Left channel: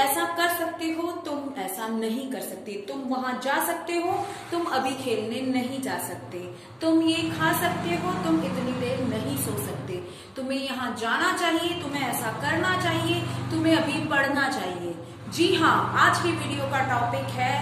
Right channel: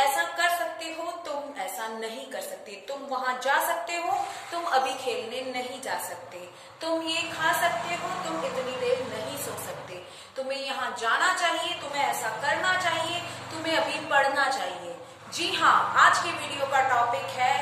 ऐसा कर सकते हो, तुम ऐसा नहीं कर सकते। तुम वहां जा सकते हो, तुम अभी खेलने नहीं जा सकते। तुम ये खा सकते हो, तुम इतनी देर नहीं सो सकते। तुम्हें यहाँ जाना चाहिए, तुम्हें ऐसा करना चाहिए, तुम्हें अभी पढ़ना चाहिए। जी हाँ, आज की वीडियो का टॉपिक है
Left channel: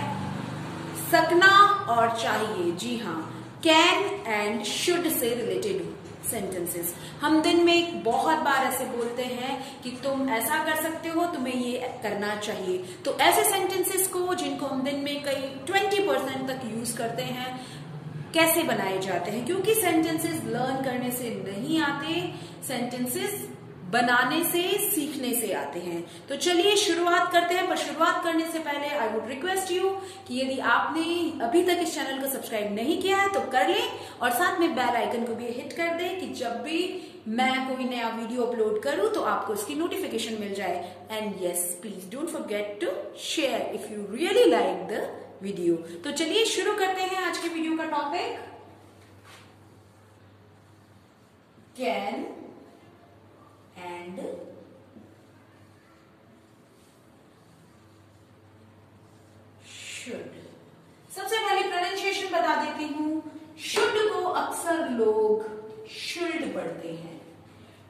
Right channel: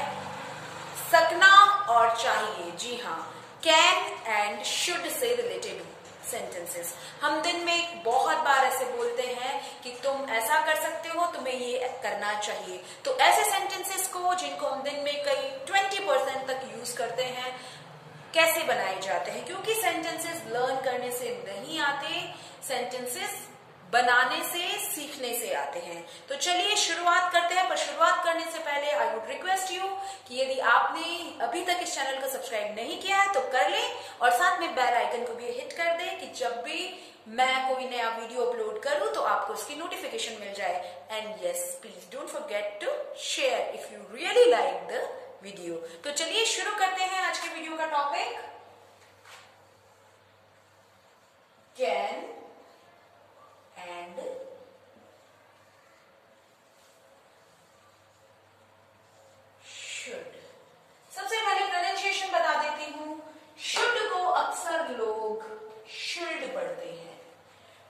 सकना और चाहिए। जी हाँ, can and should say related sentences. हम दिन में बहुत बार ऐसे बोलते हैं कि तुम ऐसा कर सकते हो, तुम्हें ये करना चाहिए। तो ऐसे सेंटेंसेस को जिनको हम दिन में कई 20% तक यूज करते हैं, कैसे बनाए जाते हैं? क्योंकि सेंटेंसेस लर्न करने से नहीं आते, सेंटेंसेस बनाने से, सीखने से आते हैं। तो चलिए शुरुआत करते हैं। पर शुरुआत करने से पहले आई वुड रिक्वेस्ट यू कि यदि आपने अभी तक इस चैनल को सब्सक्राइब नहीं किया है तो कर लें, और साथ में बेल आइकन को भी हिट कर दें कि जब भी मैं कोई नया वीडियो अपलोड करूं तो आपको इसकी नोटिफिकेशन मिल जाए। And yes, please don't forget to share if you really like the video. तो चलिए शुरू करते हैं आज के वीडियो का टॉपिक, कैन एंड शुड। सबसे पहले प्रोनाउंसिएशन बता देती हूं। शुड को अक्सर लोग शुल्ड पढ़ते हैं,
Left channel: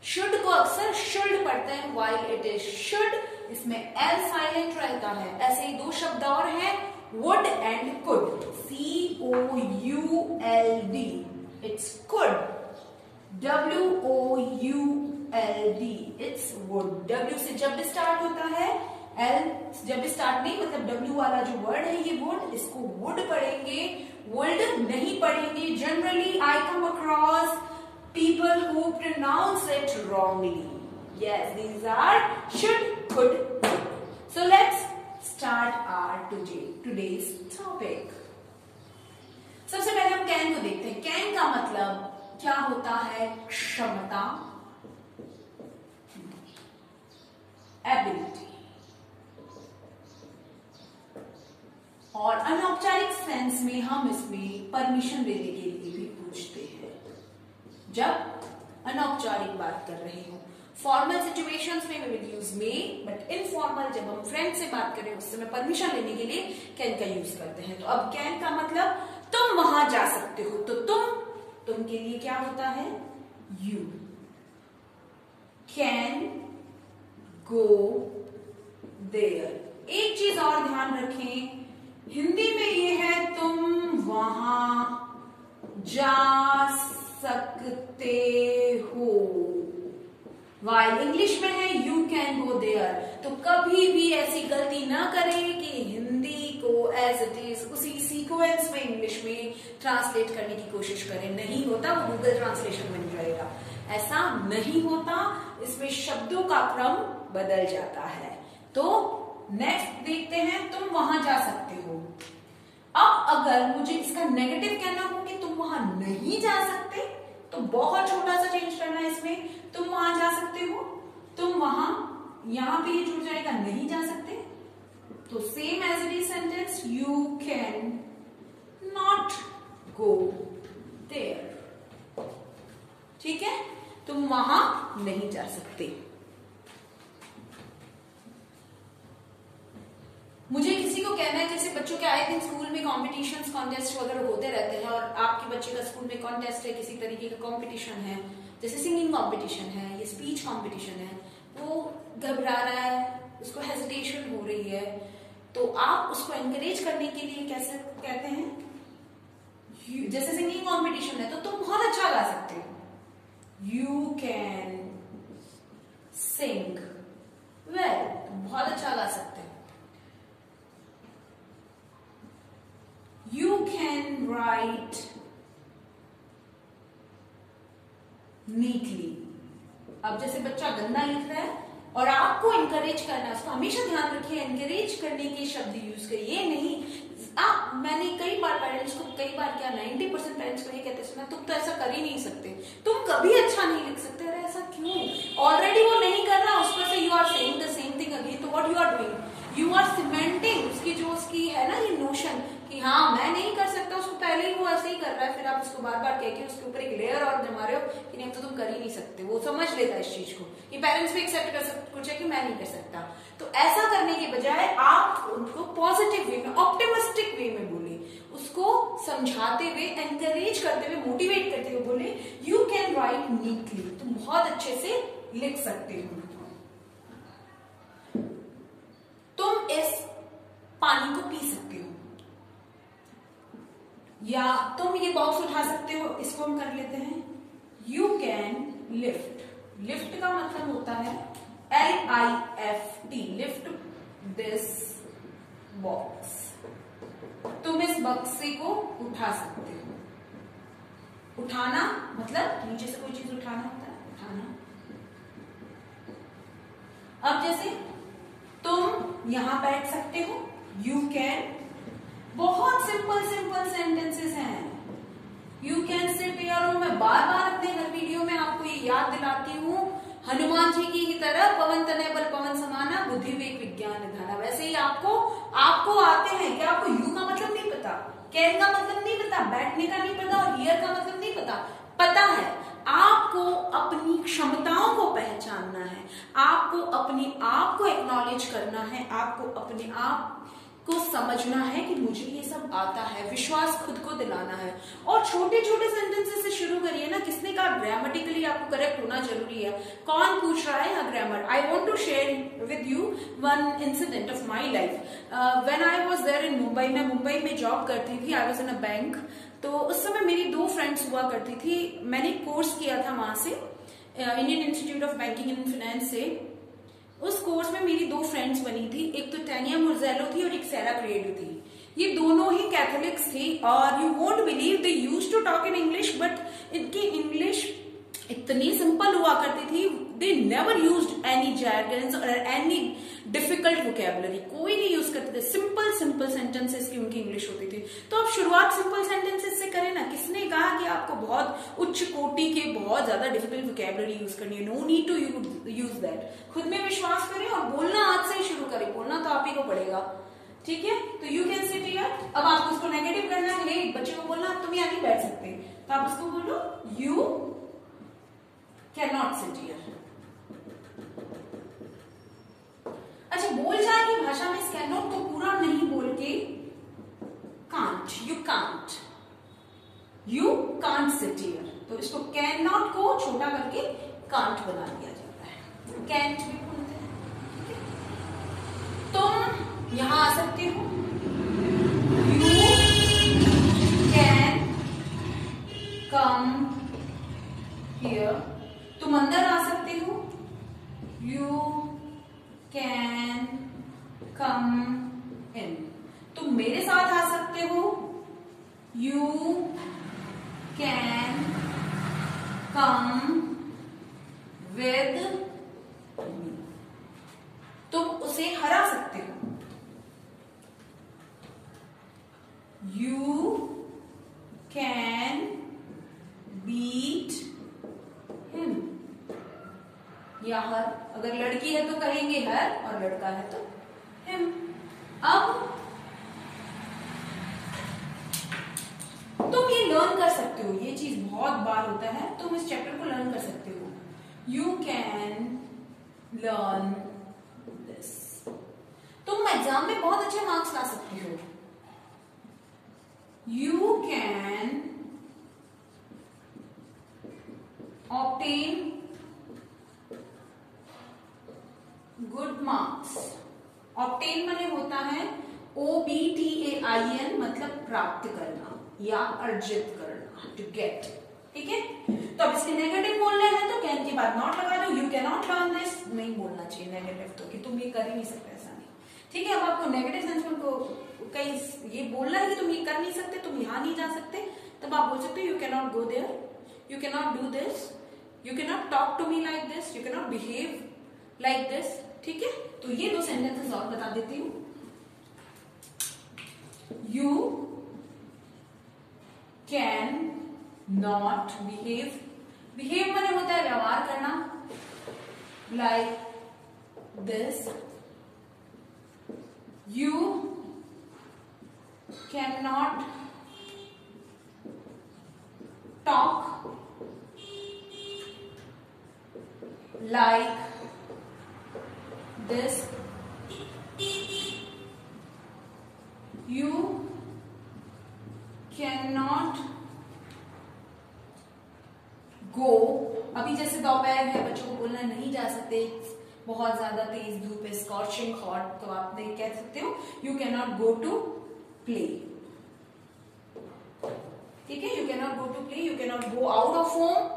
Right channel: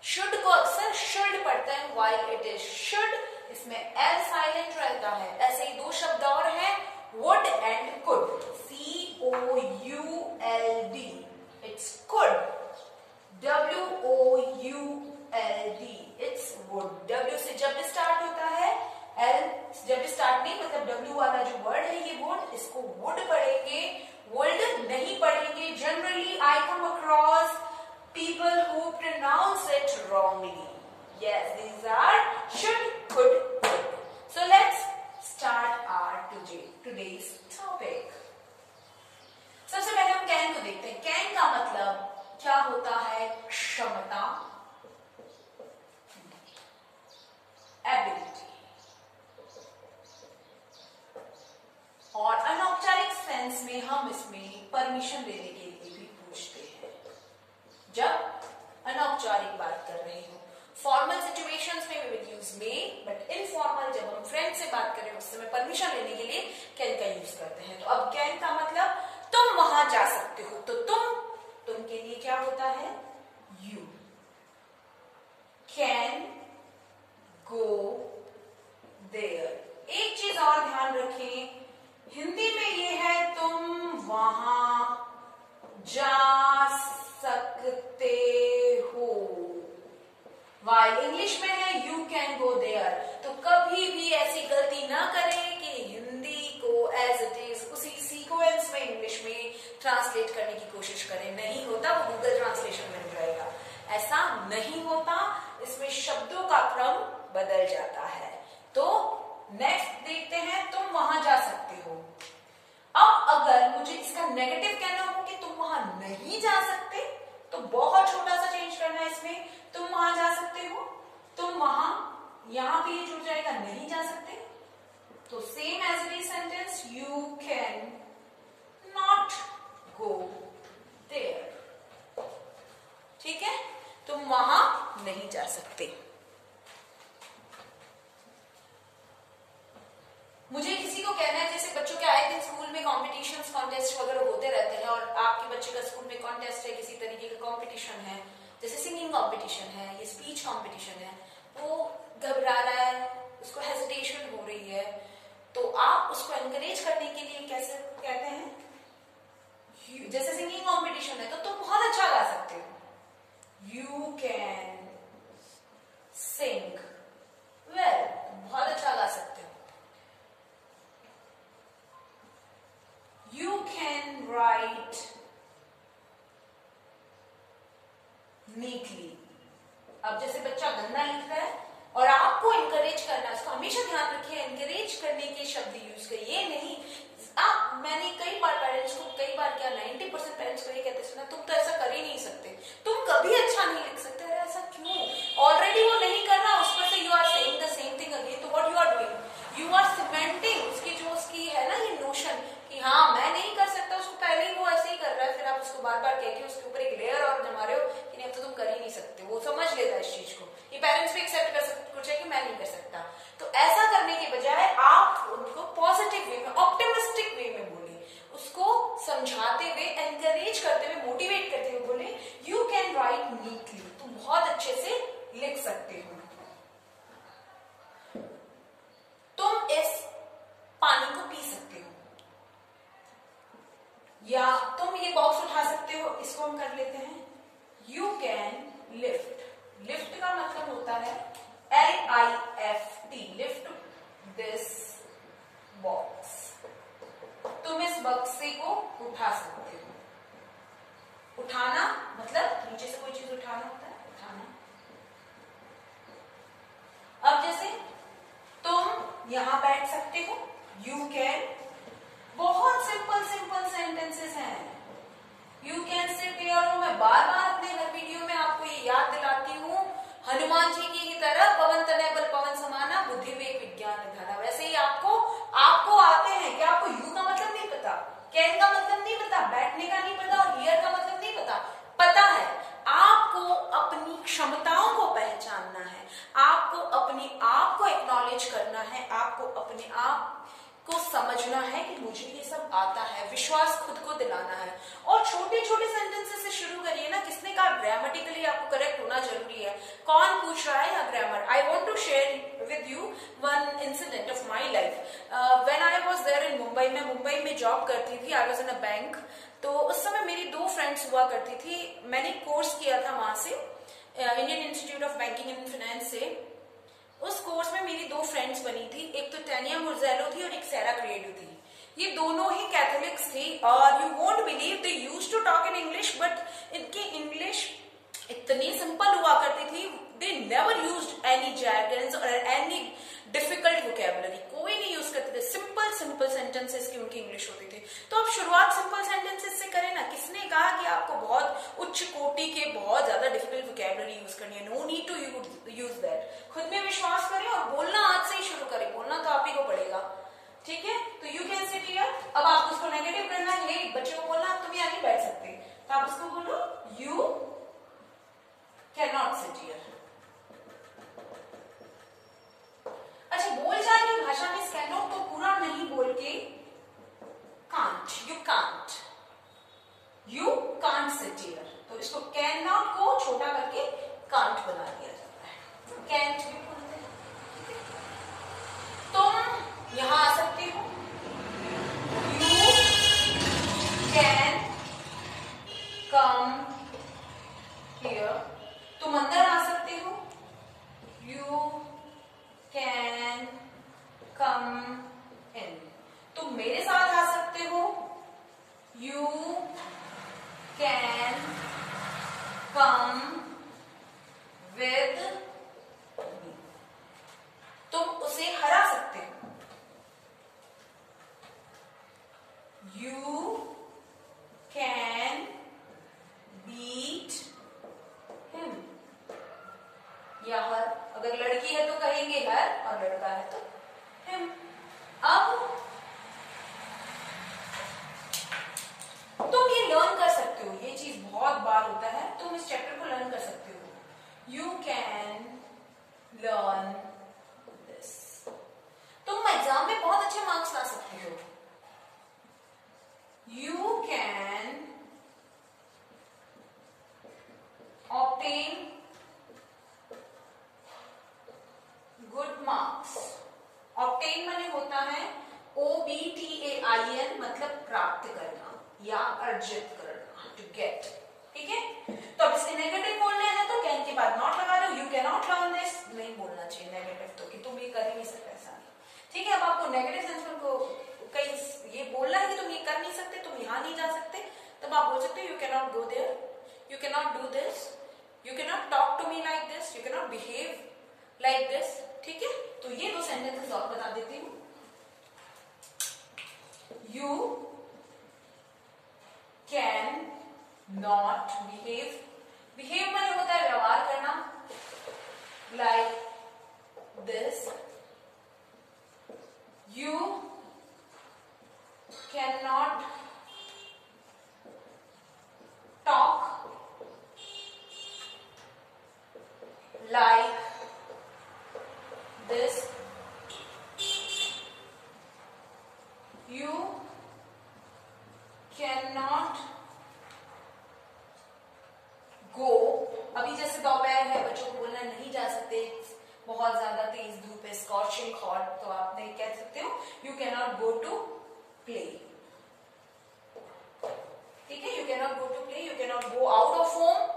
शुड को अक्सर शुल्ड पढ़ते हैं, व्हाइल इट इज शुड। इसमें एल साइलेंट रहता है। ऐसे ही दो शब्द और हैं, would and could, COULD, it's could. WOULD, it's would. W से जब स्टार्ट होता है, L जब स्टार्ट नहीं, मतलब W वाला जो वर्ड है ये वुड, इसको वुड पढ़ेंगे, वुड नहीं पढ़ेंगे। Generally I come across people who pronounce it wrongly. Yes, these are should, could, would. So let's start our today's topic. सबसे पहले हम कैन को देखते हैं। कैन का मतलब क्या होता है? क्षमता, एबिलिटी। और अनौपचारिक सेंस में हम इसमें परमिशन देने के लिए भी पूछते हैं जब अनौपचारिक बात कर रहे हो। फॉर्मल सिचुएशंस में we will use may, but informal जब हम फ्रेंड से बात कर रहे हैं उस समय परमिशन लेने के लिए कैन का यूज करते हैं। तो अब कैन का मतलब तुम वहां जा सकते हो, तो तुम के लिए क्या होता है? You can go there. एक चीज और ध्यान रखें, हिंदी में ये है तुम वहां जा सकते हो, वाइल इंग्लिश में है यू कैन गो देयर। तो कभी भी ऐसी गलती ना करें कि हिंदी को एज इट इज उसी सीक्वेंस में इंग्लिश में ट्रांसलेट करने की कोशिश करें। नहीं होता, वो गूगल ट्रांसलेशन बन जाएगा। ऐसा नहीं होता, इसमें शब्दों का क्रम बदल जाता है। तो नेक्स्ट देखते हैं, तुम वहां जा सकते हो। अब अगर मुझे इसका नेगेटिव कहना हो कि तुम वहां नहीं जा सकते, तो बहुत छोटा सा चेंज करना है इसमें। तुम वहां जा सकते हो, तुम वहां, यहां पे ये जुड़ जाएगा नहीं जा सकते, तो same as it is sentence, you can not go there. ठीक है, तुम वहां नहीं जा सकते। मुझे किसी को कहना है, जैसे बच्चों के आए दिन स्कूल में कॉम्पिटिशन्स, कॉन्टेस्ट वगैरह होते रहते हैं, और आपके बच्चे का स्कूल में कॉन्टेस्ट है, किसी तरीके का कॉम्पिटिशन है, जैसे सिंगिंग कॉम्पिटिशन है या स्पीच कॉम्पिटिशन है, वो घबरा रहा है, उसको हेजिटेशन हो रही है, तो आप उसको एनकरेज करने के लिए कैसे कहते हैं? जैसे सिंगिंग कॉम्पिटिशन है तो तुम बहुत अच्छा गा सकते हो, यू कैन सिंग वेल, बहुत अच्छा गा सकते हो। You can write neatly. अब जैसे बच्चा गंदा लिख रहा है और आपको इनकरेज करना, इसको हमेशा ध्यान रखिए, इनकरेज करने के शब्द यूज करिए। नहीं, मैंने कई बार पेरेंट्स को, कई बार क्या 90% पेरेंट्स को ये कहते सुना, तुम तो ऐसा कर ही नहीं सकते, तुम कभी अच्छा नहीं लिख सकते। अरे ऐसा क्यों? ऑलरेडी वो नहीं कर रहा, उस पर से you are saying the same thing again. तो what you are doing, you are cementing उसकी जो उसकी है ना ये नोशन कि हाँ मैं नहीं कर सकता, उसको पहले ही वो ऐसे ही कर रहा है, फिर आप उसको बार बार कह के उसके ऊपर एक लेयर और जमा रहे हो कि नहीं अब तो तुम कर ही नहीं सकते। वो समझ लेता है इस चीज को, ये पेरेंट्स भी एक्सेप्ट कर सकते कुछ है कि मैं नहीं कर सकता। तो ऐसा करने के बजाय समझाते हुए, एनकरेज करते हुए, मोटिवेट करते हुए बोले यू कैन राइट नीटली, तुम बहुत अच्छे से लिख सकते हो। तुम इस पानी को पी सकते हो, या तुम ये बॉक्स उठा सकते हो। इसको हम कर लेते हैं यू कैन लिफ्ट। लिफ्ट का मतलब होता है LIFT, लिफ्ट दिस बॉक्स। तुम इस बक्से को उठा सकते हो। उठाना मतलब नीचे से कोई चीज उठाना होता है, उठाना। अब जैसे तुम यहां बैठ सकते हो, यू कैन। बहुत सिंपल सिंपल सेंटेंसेस हैं। You can sit here. मैं बार बार अपने हर वीडियो में आपको ये याद दिलाती हूँ, हनुमान जी की ही तरह पवन तनय बल पवन समाना, बुद्धि विवेक विज्ञान निधाना। वैसे ही आपको आते हैं कि आपको यू का मतलब नहीं पता, कैन का मतलब नहीं पता, बैठने का नहीं पता, और हियर का मतलब नहीं पता। पता है, आपको अपनी क्षमताओं को पहचानना है, आपको अपने आप को एक्नॉलेज करना है, आपको अपने आप को समझना है कि मुझे ये सब आता है, विश्वास खुद को दिलाना है। और छोटे छोटे सेंटेंसेस से शुरू करिए ना। किसने कहा ग्रामेटिकली आपको करेक्ट होना जरूरी है? कौन पूछ रहा है या grammar? I want to share with you one incident of my life. When I was there in Mumbai, मैं मुंबई में जॉब करती थी, I was in a bank. तो उस समय मेरी 2 फ्रेंड्स हुआ करती थी। मैंने कोर्स किया था वहां से, Indian institute of banking and finance से। उस कोर्स में मेरी 2 फ्रेंड्स बनी थी, एक तो टैनिया मुर्जेलो थी और एक सैरा क्रिएटिव थी। ये दोनों ही कैथोलिक्स थी, और you won't believe they used to talk in English, but इनकी इंग्लिश इतनी सिंपल हुआ करती थी। They never used any jargons और एनी डिफिकल्ट वोकैबुलरी, कोई नहीं यूज करते थे। सिंपल सिंपल सेंटेंसेस की उनकी इंग्लिश होती थी। तो आप शुरुआत सिंपल सेंटेंसेस से करें ना। किसने कहा कि आपको बहुत उच्च कोटि के बहुत ज्यादा डिफिकल्ट वोकैबुलरी यूज करनी है? No need to use that. खुद में विश्वास करें और बोलना आज से ही शुरू करें। बोलना तो आप ही को पड़ेगा, ठीक है? तो यू कैन सिट हियर। अब आप उसको नेगेटिव करना है, बच्चे को बोलना तुम यहाँ नहीं बैठ सकते, तो आप उसको बोलो you can not sit here. अच्छा, बोल जाए की भाषा में इस कैन नॉट को पूरा नहीं बोल के can't, you can't sit here. तो इसको कैन नॉट को छोटा करके कांट बना दिया जाता है, कैंट भी बोलते हैं, ठीक है? तुम यहां आ सकते हो, यू कैन कम हियर। तुम अंदर आ सकते हो, यू कैन कम इन। तुम मेरे साथ आ सकते हो, you can come with me. तुम उसे हरा सकते हो, यू कैन बीट हिम। या हर, अगर लड़की है तो कहेंगे हर, और लड़का है तो हिम। अब तुम ये लर्न कर सकते हो, ये चीज बहुत बार होता है, तुम इस चैप्टर को लर्न कर सकते हो। You can learn this. तुम एग्जाम में बहुत अच्छे मार्क्स ला सकते हो, you can obtain good marks. Obtain माने होता है OBTAIN, मतलब प्राप्त करना या अर्जित करना, टू गेट, ठीक है? तो अब इसके नेगेटिव बोलने हैं तो कैन के बाद नॉट लगा दो, you can not learn this. नहीं बोलना चाहिए नेगेटिव तो, कि तुम ये कर ही नहीं सकते, ऐसा नहीं, ठीक है? अब आपको नेगेटिव सेंस में को कहीं ये बोलना है कि तुम ये कर नहीं सकते, तुम यहां नहीं जा सकते, तब आप बोल सकते हो you can not go there, you can not do this, you can not talk to me like this, you can not behave like this, ठीक है? तो ये 2 सेंटेंसेस और बता देती हूं। You can not behave. Behave माने होता है व्यवहार करना, like this. You can not talk like this. You can not गो, अभी जैसे दोपहर है, बच्चों को बोलना नहीं जा सकते, बहुत ज्यादा तेज धूप है, स्कॉचिंग हॉट, तो आप नहीं कह सकते हो you can not go to play, ठीक है, you can not go to play, you can not go out of home,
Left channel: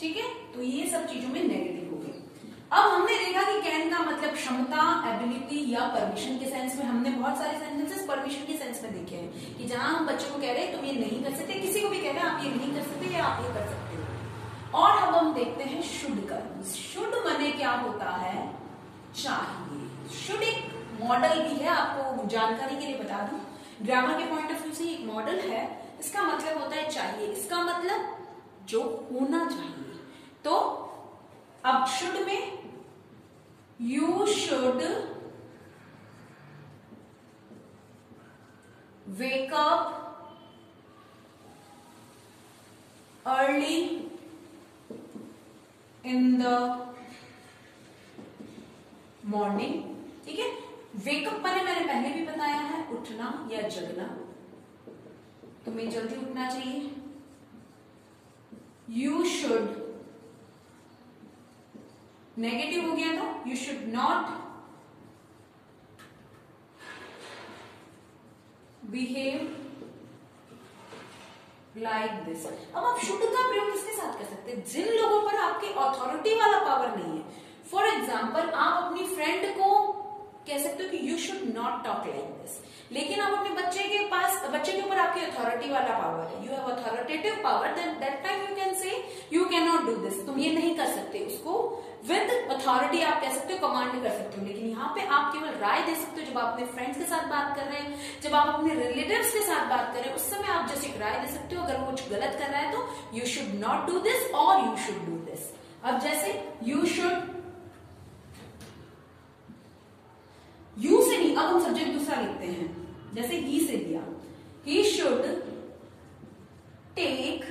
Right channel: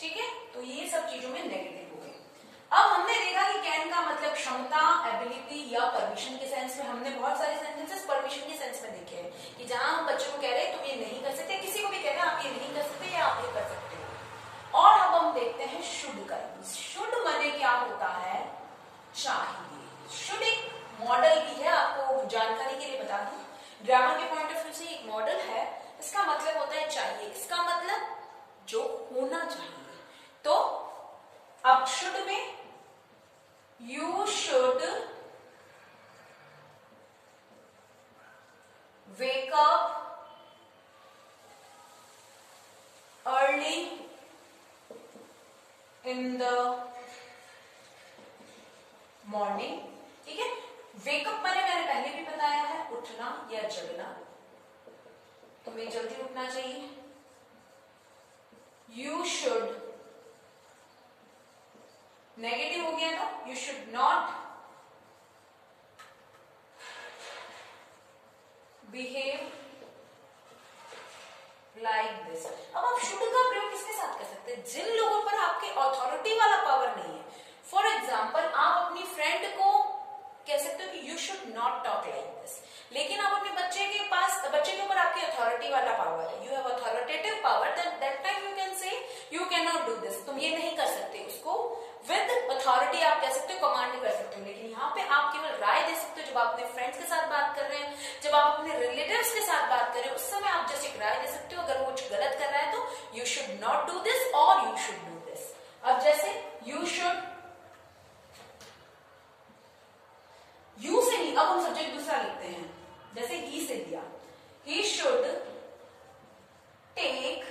ठीक है, तो ये सब चीजों में नेगेटिव हो गई। अब हमने देखा कि कैन का मतलब क्षमता, एबिलिटी या परमिशन के सेंस में, हमने बहुत सारे सेंटेंसेस परमिशन के सेंस में देखे हैं कि जहां हम बच्चों को कह रहे हैं तुम ये नहीं कर सकते, किसी को भी कह रहे हैं आप ये नहीं कर सकते या आप ये कर सकते हो। और अब हम देखते हैं शुड का। शुड माने क्या होता है, चाहिए। शुड एक मॉडल भी है, आपको जानकारी के लिए बता दूं, ग्रामर के पॉइंट ऑफ व्यू से एक मॉडल है। इसका मतलब होता है चाहिए, इसका मतलब जो होना चाहिए। तो अब शुड में you should wake up early in the morning, ठीक है। वेकअप मैंने पहले भी बताया है, उठना या जगना, तुम्हें जल्दी उठना चाहिए। यू शुड, नेगेटिव हो गया तो you should not behave like this. अब आप शुड का प्रयोग किसके साथ कर सकते हैं, जिन लोगों पर आपके अथॉरिटी वाला पावर नहीं है। फॉर एग्जाम्पल, आप अपनी फ्रेंड को कह सकते हो कि you should not talk like this, लेकिन आप अपने बच्चे के ऊपर आपकी अथॉरिटी वाला पावर है, you have authoritative power, then that time you can say you can not do this, तुम ये नहीं कर सकते। उसको विद अथॉरिटी आप कह सकते हो, कमांड कर सकते हो, लेकिन यहाँ पे आप केवल राय दे सकते हो। जब आप अपने फ्रेंड्स के साथ बात कर रहे हैं, जब आप अपने रिलेटिव्स के साथ बात कर रहे हैं, उस समय आप जस्ट एक राय दे सकते हो। अगर वो कुछ गलत कर रहा है तो you should not do this और यू शुड डू दिस। अब जैसे यू शुड, यू से नहीं, अब हम सब्जेक्ट दूसरा लिखते हैं, जैसे ही से दिया, he should take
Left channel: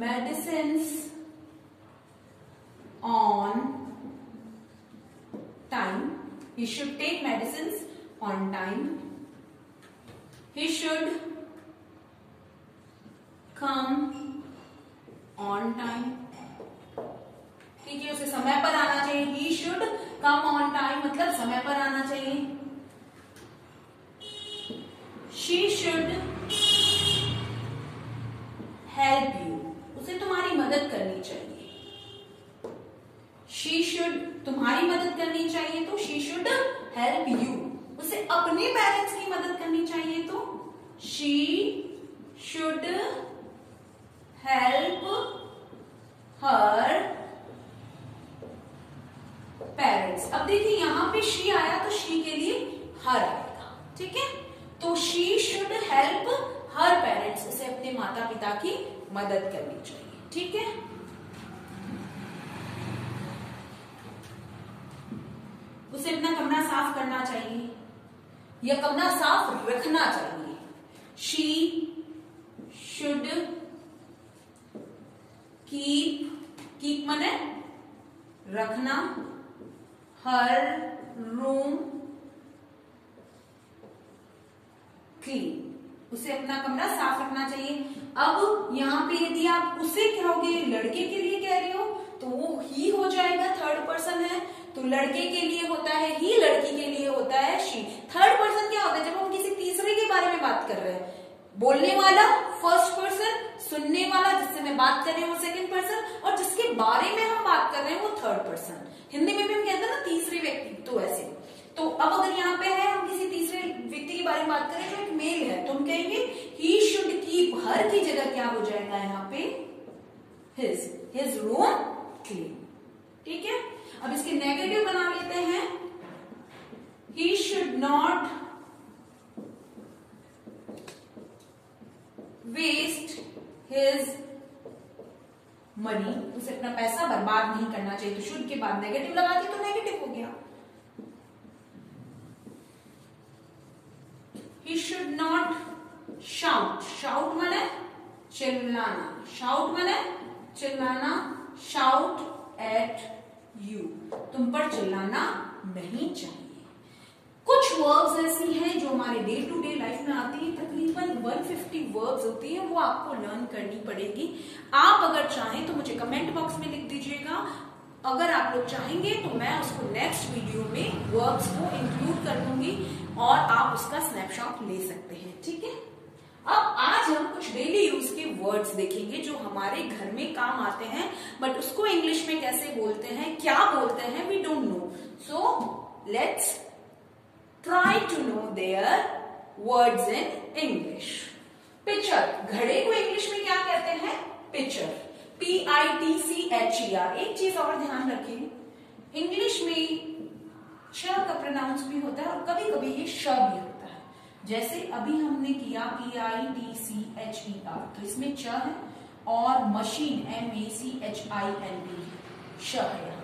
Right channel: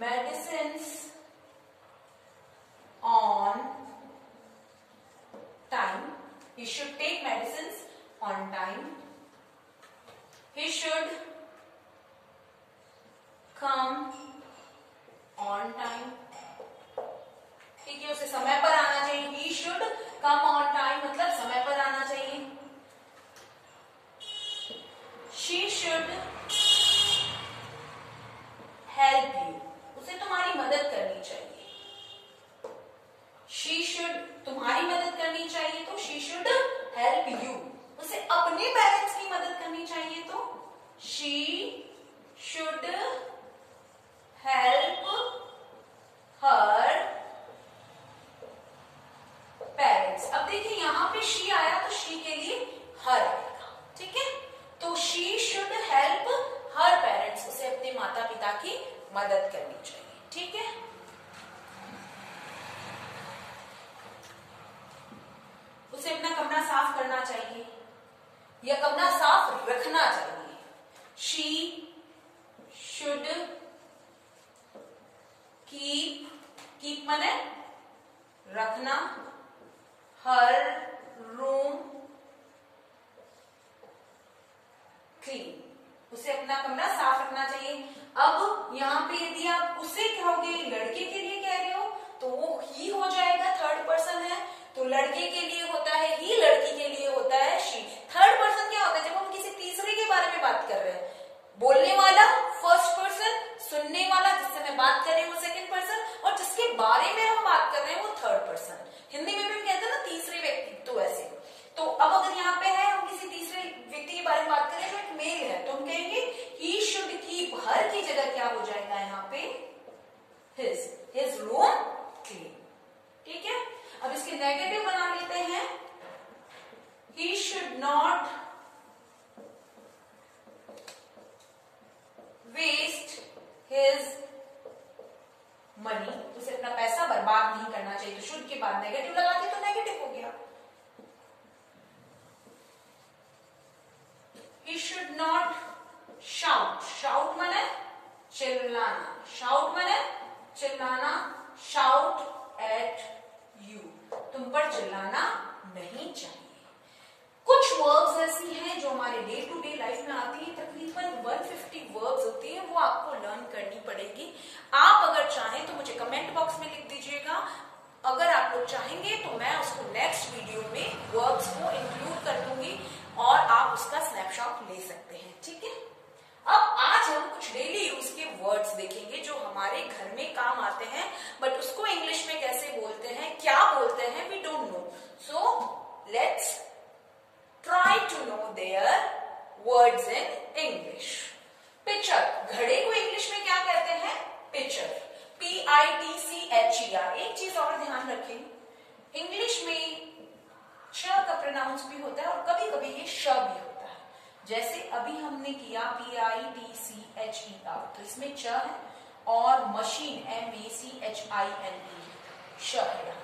medicines on time, he should take medicines on time, he should come on time, ठीक है, उसे समय पर आना चाहिए। he should come on time मतलब समय पर आना चाहिए। she should help you, उसे तुम्हारी मदद करनी चाहिए। she should, तुम्हारी मदद करनी चाहिए तो she should help you, उसे अपने पेरेंट्स की मदद करनी चाहिए तो she should help her parents. अब देखिए यहां पे she आया तो she के लिए her आएगा, ठीक है। तो she should help her parents, उसे अपने माता पिता की मदद करनी चाहिए, ठीक है। उसे अपना कमरा साफ करना चाहिए या कमरा साफ रखना चाहिए। शी शुड कीप माने रखना, हर रूम क्लीन, उसे अपना कमरा साफ रखना चाहिए। अब यहाँ पे यदि आप उसे कहोगे, लड़के के लिए कह रहे हो, तो वो ही हो जाएगा, थर्ड पर्सन है, तो लड़के के लिए होता है ही, लड़की के लिए होता है शी। थर्ड पर्सन क्या होता है, जब हम किसी तीसरे के बारे में बात कर रहे हैं, बोलने वाला फर्स्ट पर्सन, सुनने वाला जिससे मैं बात कर रही हूँ वो सेकंड पर्सन, और जिसके बारे में हम बात कर रहे हैं वो थर्ड पर्सन। हिंदी में भी हम कहते हैं ना तीसरे व्यक्ति, तो ऐसे। तो अब अगर यहाँ पे है हम किसी तीसरे व्यक्ति के बारे में बात करें तो एक मेल है, तो हम कहेंगे ही शुड कीप, हर की जगह क्या हो जाएगा यहाँ पे हिज रूम क्लीन, ठीक है। अब इसके नेगेटिव बना लेते हैं, he should not waste his money, उसे अपना पैसा बर्बाद नहीं करना चाहिए। तो शुड के बाद नेगेटिव लगा दिया तो नेगेटिव हो गया। ही शुड नॉट शाउट, शाउट माने चिल्लाना, शाउट माने चिल्लाना, शाउट एट यू, तुम पर चिल्लाना नहीं चाहिए। कुछ वर्ब्स ऐसी हैं जो हमारे डे टू डे लाइफ में आती है, तकरीबन 150 वर्ब्स होती है, वो आपको लर्न करनी पड़ेगी। आप अगर चाहें तो मुझे कमेंट बॉक्स में लिख दीजिएगा, अगर आप लोग चाहेंगे तो मैं उसको नेक्स्ट वीडियो में वर्ब्स को इंक्लूड कर दूंगी और आप उसका स्नैपशॉट ले सकते हैं, ठीक है। अब आज हम कुछ डेली यूज के वर्ड्स देखेंगे जो हमारे घर में काम आते हैं, बट उसको इंग्लिश में कैसे बोलते हैं, क्या बोलते हैं, we don't know. So let's try to know their words in English. Picture, घड़े को इंग्लिश में क्या कहते हैं? Picture, PITCHER। एक चीज और ध्यान रखें, इंग्लिश में श का प्रोनाउंस भी होता है और कभी कभी ये श भी होता है। जैसे अभी हमने किया PITCHER, तो इसमें च है, और मशीन MACHINE श है।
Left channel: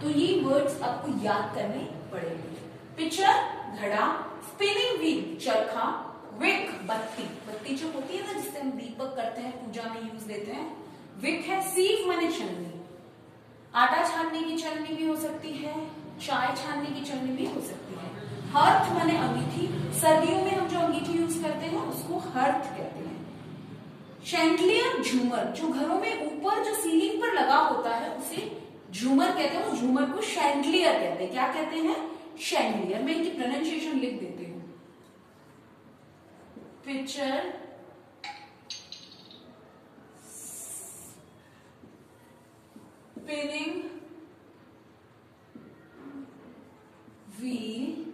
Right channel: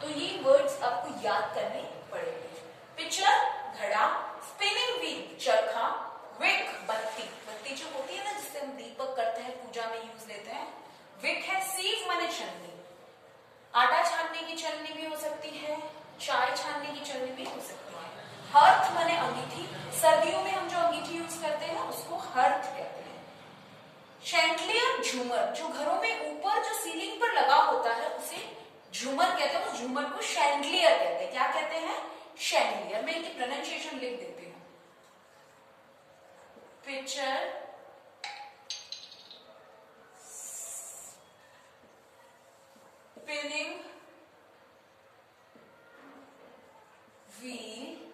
तो ये वर्ड्स आपको याद करने पड़ेंगे। पिक्चर घड़ा, स्पिनिंग व्हील चरखा, विक बत्ती, बत्ती जो होती है ना जिससे हम दीपक करते हैं, पूजा में यूज लेते हैं, विक है। सीव माने छलनी, आटा छानने की छलनी भी हो सकती है, चाय छानने की छलनी भी हो सकती है। हर्थ माने अंगीठी, सर्दियों में हम जो अंगीठी यूज करते हैं उसको हर्थ कहते हैं। शैंडलियर झूमर, जो घरों में ऊपर जो सीलिंग पर लगा होता है उसे झूमर कहते हैं, उस झूमर को शैंडलियर कहते हैं। क्या कहते हैं? शैंडलियर। मैं इनकी प्रोनाउंसिएशन लिख देती हूँ। पिक्चर, स्पिनिंग व्हील,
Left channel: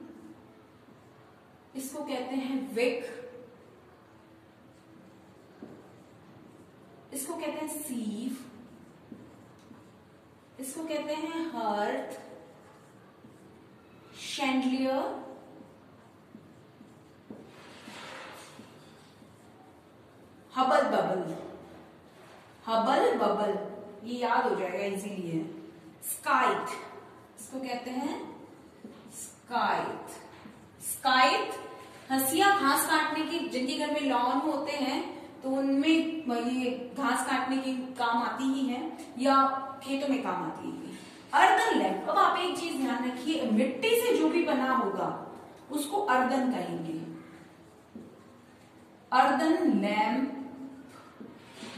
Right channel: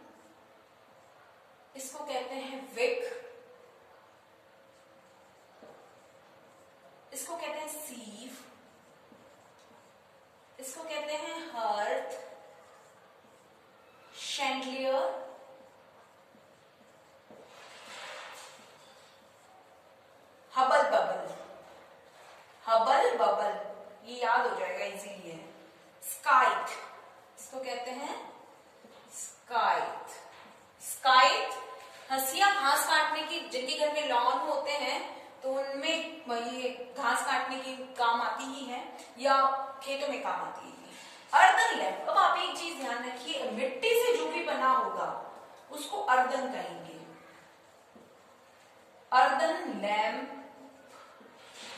इसको कहते हैं विक, इसको कहते हैं सीव, इसको कहते हैं hearth, chandelier, Hubble bubble, Hubble bubble ये याद हो जाएगा इजीली है। स्काइट, इसको कहते हैं स्काइट, स्काइट हंसिया घास काटने की, जिनके घर में लॉन होते हैं तो उनमें ये घास काटने की काम आती ही है, या खेतों में काम आती है। अर्दन लैंप, अब आप एक चीज ध्यान रखिए, मिट्टी से जो भी बना होगा उसको अर्दन कहेंगे। अर्दन लैंप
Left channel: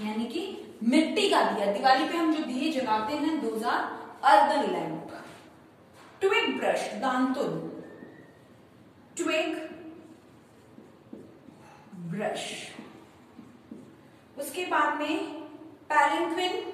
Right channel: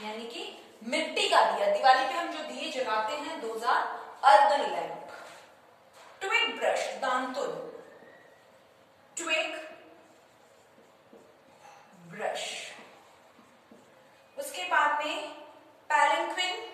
यानी कि मिट्टी का दिया, दिवाली पे हम जो दिए जलाते हैं, those are earthen lamp. Twig brush, दांतुन, ट्विग ब्रश। उसके बाद में पैलेंक्विन,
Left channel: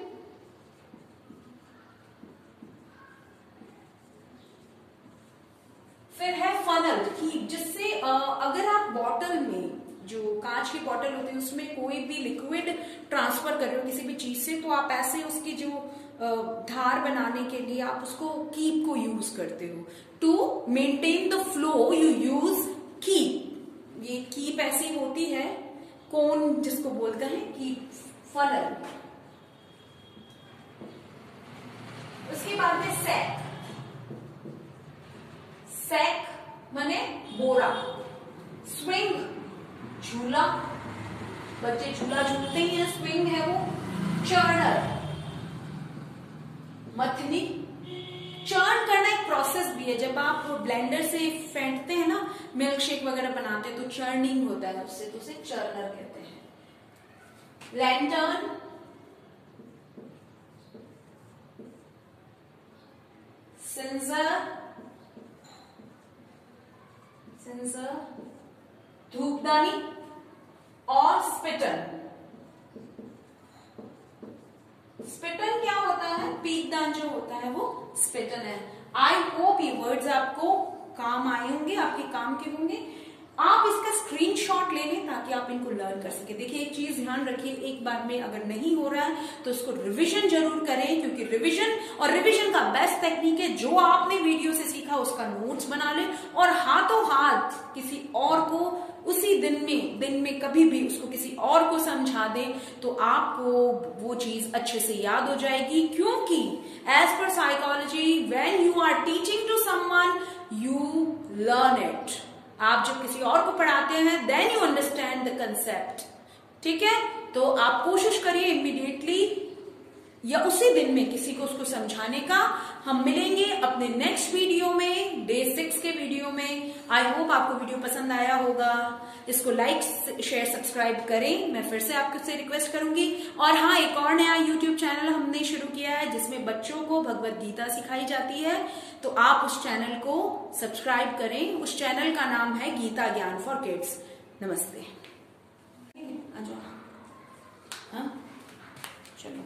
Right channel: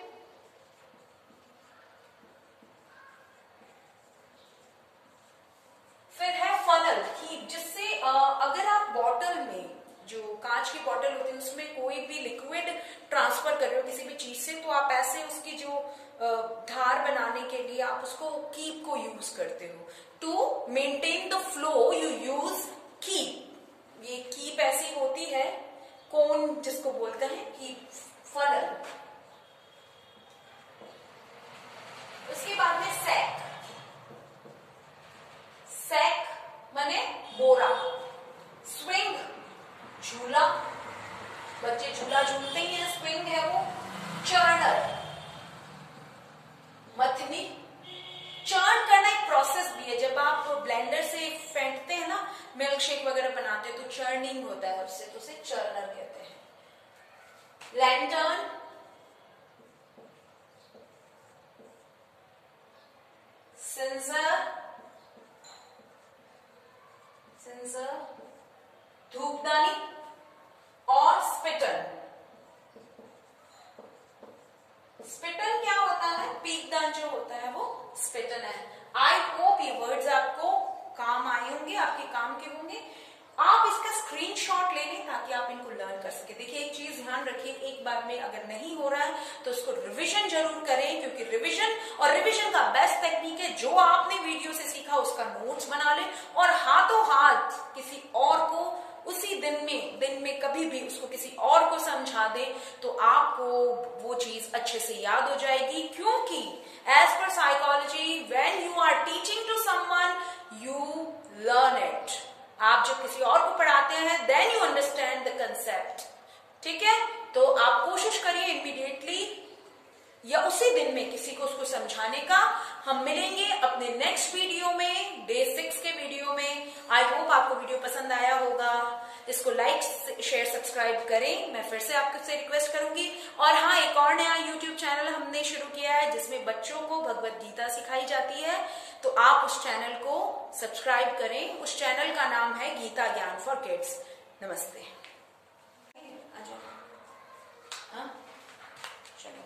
फिर है फनल, कि जिससे अगर आप बॉटल में, जो कांच की बॉटल होती है उसमें कोई भी लिक्विड ट्रांसफर कर रहे हो किसी भी चीज से, तो आप ऐसे उसकी जो धार बनाने के लिए आप उसको कीप को यूज करते हो। To maintain the flow you use keep. ये कीप ऐसी होती है, कोन जिसको बोलते हैं कीप, फनल। उसके बाद में सैक, सैक माने बोरा। स्विंग, झूला, बच्चे झूला झूलते ही हैं, स्विंग है वो। चर्नर, मथनी। चर्न करना एक प्रोसेस भी है, जब आप ब्लेंडर से फेंटते हैं ना, मिल्क शेक वगैरह बनाते हैं तो चर्निंग होता है उससे, तो उसे चर्नर कहते हैं। लैंटर्न, सिंजर, सिंजर, धूपदानी और स्पिटन। स्पिटन क्या होता है? पीकदान जो होता है वो स्पिटन है। आई होप ये वर्ड्स आपको काम आए होंगे, आपके काम के होंगे। आप इसका स्क्रीनशॉट ले लें ताकि आप इनको लर्न कर सके। देखिए एक चीज ध्यान रखिए, एक बार में अगर नहीं हो रहा है तो उसको रिवीजन जरूर करें, क्योंकि रिवीजन का बेस्ट टेक्निक है, जो आपने वीडियो से सीखा उसका नोट्स बना लें और हाथों हाथ किसी और को उसी दिन में कभी भी उसको किसी और को समझा दें तो आपको वो चीज अच्छे से याद हो जाएगी। क्योंकि as per psychology, when you are teaching to someone you learn it. आप जब किसी और को पढ़ाते हैं then you understand the concept. ठीक है, तो आप कोशिश करिए इमीडिएटली या उसी दिन में किसी को उसको समझाने का। हम मिलेंगे अपने नेक्स्ट वीडियो में डे 6 के दूसरे वीडियो में। आई होप आपको वीडियो पसंद आया होगा। इसको लाइक शेयर सब्सक्राइब करें, मैं फिर से आपसे रिक्वेस्ट करूंगी। और हाँ, एक और नया यूट्यूब चैनल हमने शुरू किया है जिसमें बच्चों को भगवत गीता सिखाई जाती है, तो आप उस चैनल को सब्सक्राइब करें। उस चैनल का नाम है गीता ज्ञान फॉर किड्स। नमस्ते। हाँ चलो।